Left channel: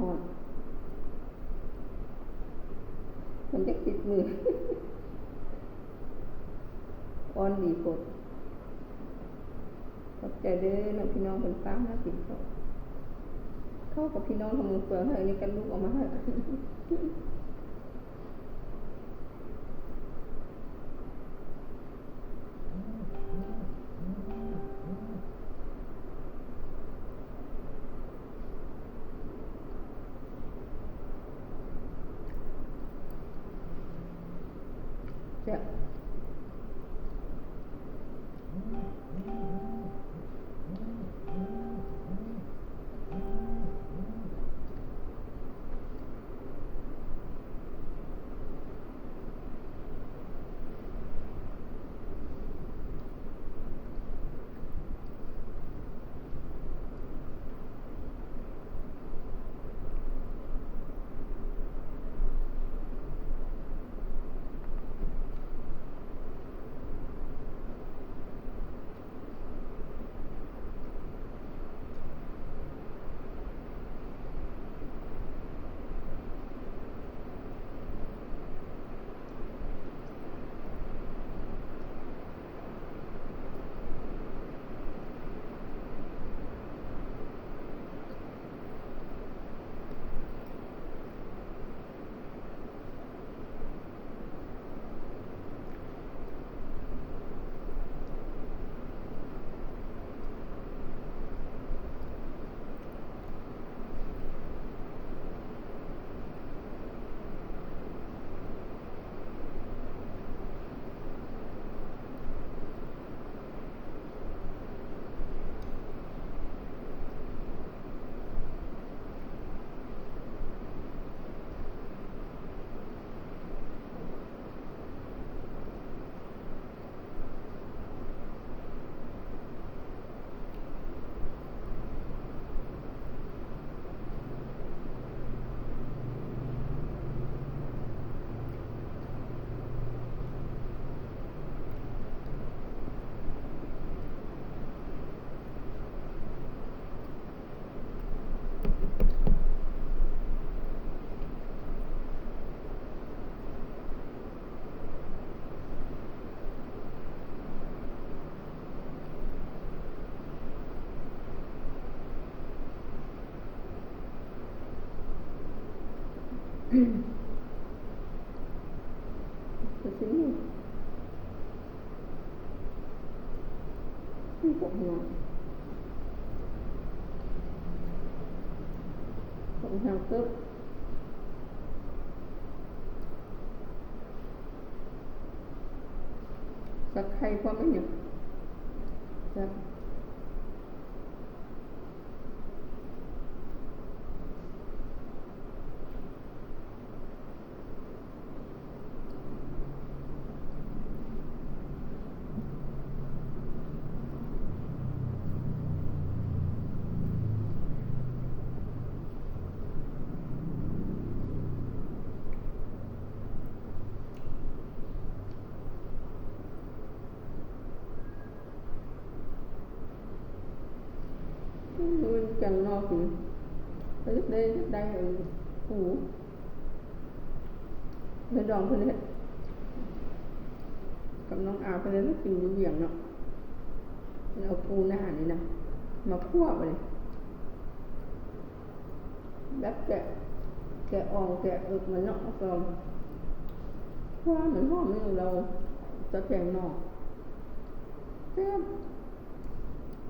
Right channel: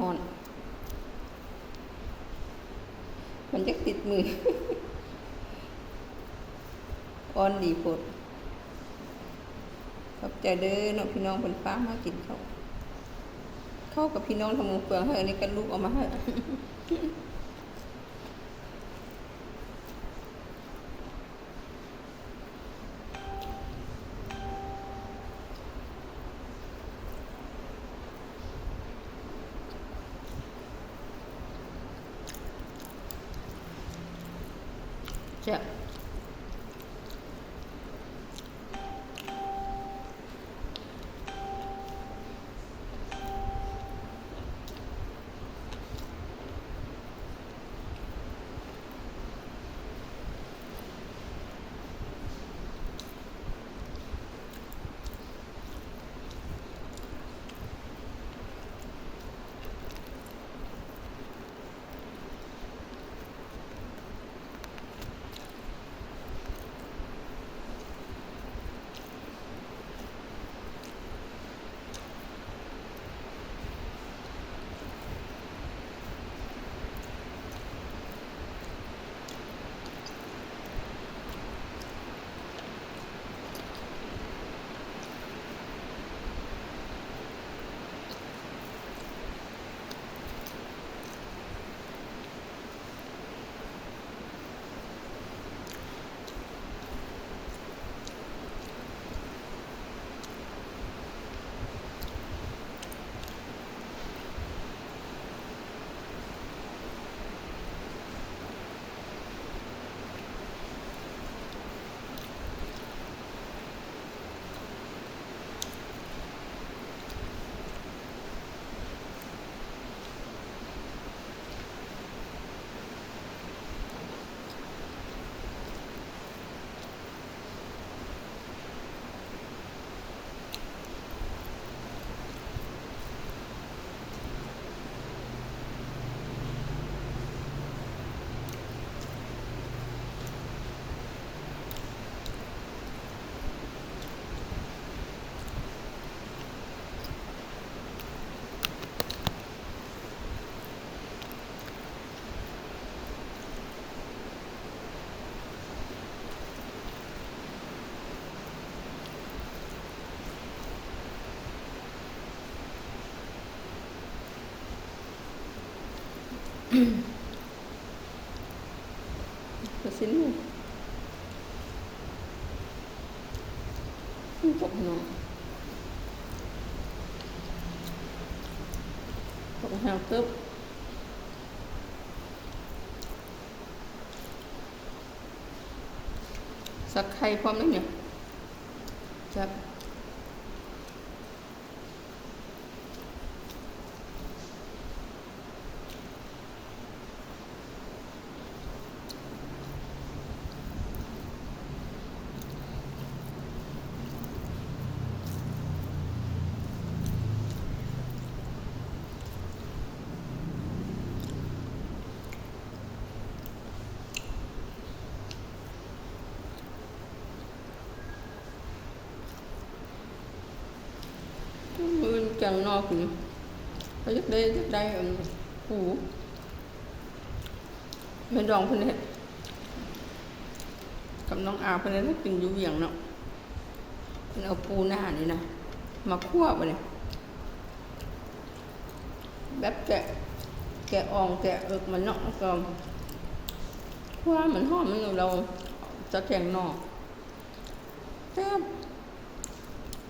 ฮ้อนมันจะติดมืออ่อนดีปดขอบใจเด้อน้องพี่น้องคนฟ้ามากินเขาเข้ากับพี่น้องทำมือเปลืองให้อันนี้กันลูกออกมาให้แซ่บไปสิลูกจบเนาะตรงหางตึ๊บสักไข่พร้อมไหมเนี่ยจับมือจังนอกนี่ไปยึดได้หูไม่ดองเพื่อนเฮ็ดกับน้องอาเพื่อนเฮ็ดกินอยู่เวียงเนาะเพื่อนเอาปูหน้านี่นะมาคั่วไปเลยแบบแกะอ่องแกะเอิกมันเนาะก็คั่วมันหอมมันเราจะแกงนอกแซ่บ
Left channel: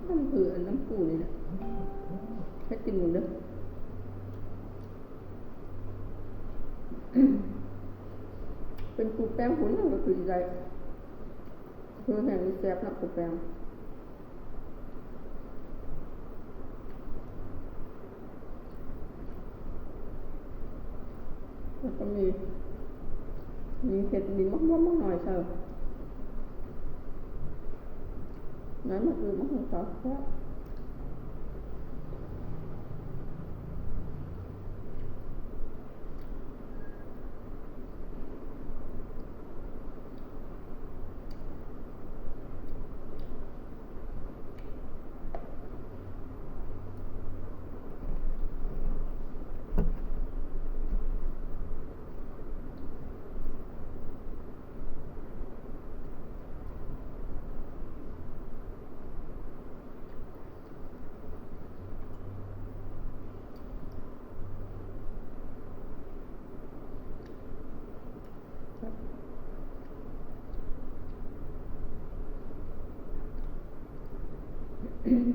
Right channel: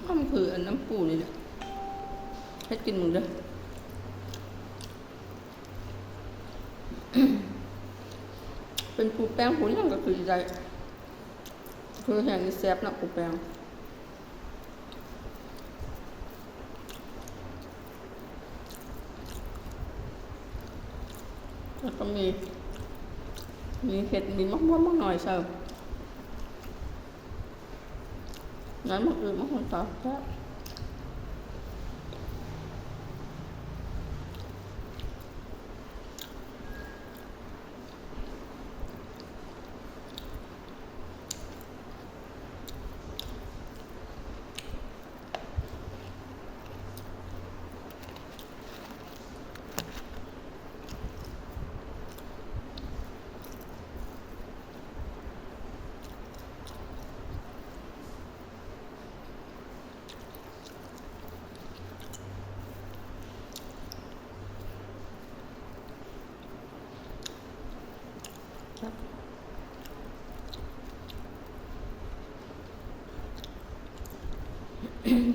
มันคืออันน้ำปูนี่แหละให้กินมึงเด้อเป็นปูแป้งปูนี่ก็คือใจคือแห้งนี่แซ่บนะปูแป้งแล้วก็มีเห็ดมีมะม่วงหน่อยเชียวน้ำมะอื่นมะขามเปียก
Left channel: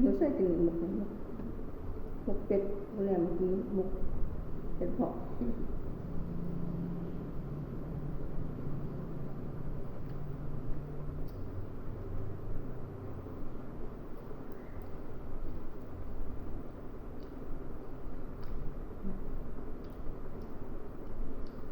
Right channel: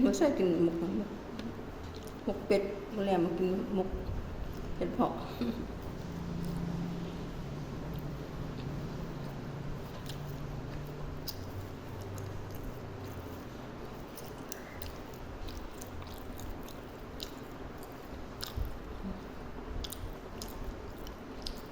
มันใส่กินหมกเป็ดมาแล้วมากินหมกเห็ดเผาะ